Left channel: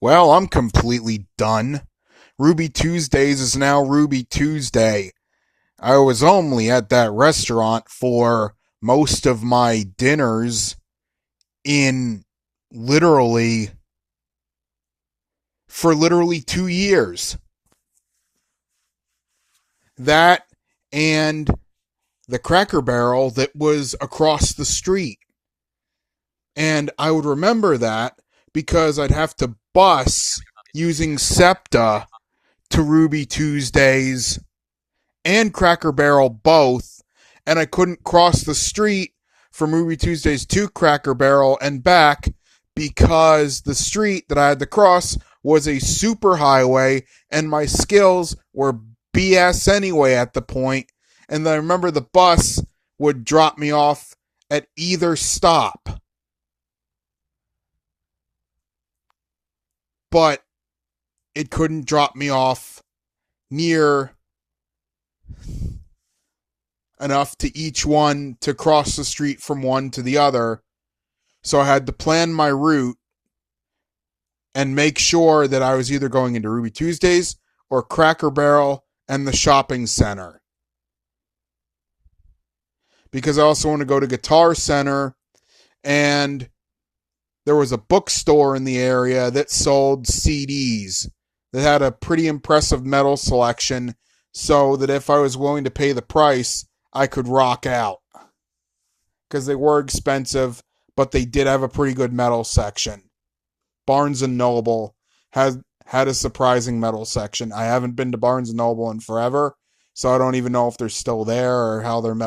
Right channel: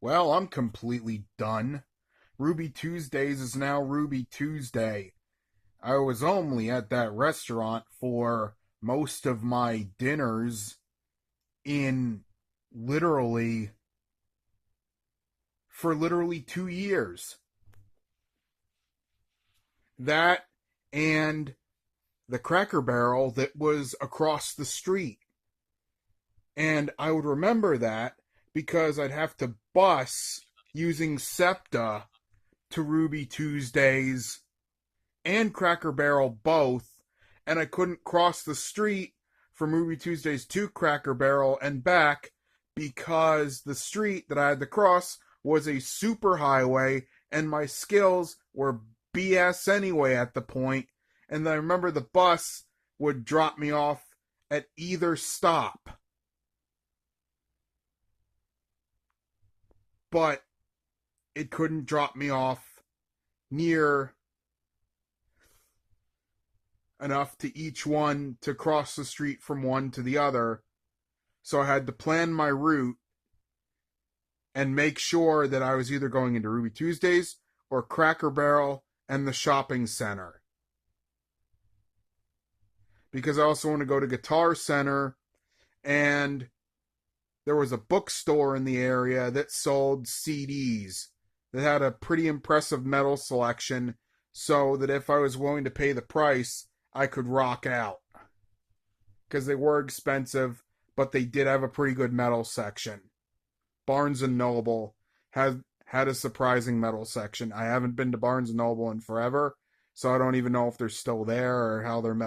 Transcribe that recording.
Well, I'm completely done. Ruby Tuesdays is now Ruby Tuesday. I was only at that restaurant for most of my dinners in literally for literally 2 years. That and the Cracker Barrel that was across the street. And I would remember that because I'd have to bus using SEPTA to Ruby Tuesdays and Cracker Barrel both, and I couldn't cross the street from Ruby Tuesdays to Cracker Barrel and back because the street that I had to cross was a super highway and my skills were BS anyway at the point. And then I remember the bus would drop me off at either stop. But it couldn't drop me off near enough to each one to cross the street from one to the other. So I had to plan my route and make sure that I was either going into Ruby Tuesdays or Cracker Barrel and the shopping center. Because I also want to go to Guitar Center, and there was a bookstore in the area that sold CDs that had a pretty impressive metal selection, so that if I was willing to pay the price, I could rock out. Because they were expensive, but they did have a pretty good metal section. Barnes & Noble had a surprising metal section. I haven't been to Barnes & Noble in forever, so I don't even know if they're still there or how their metal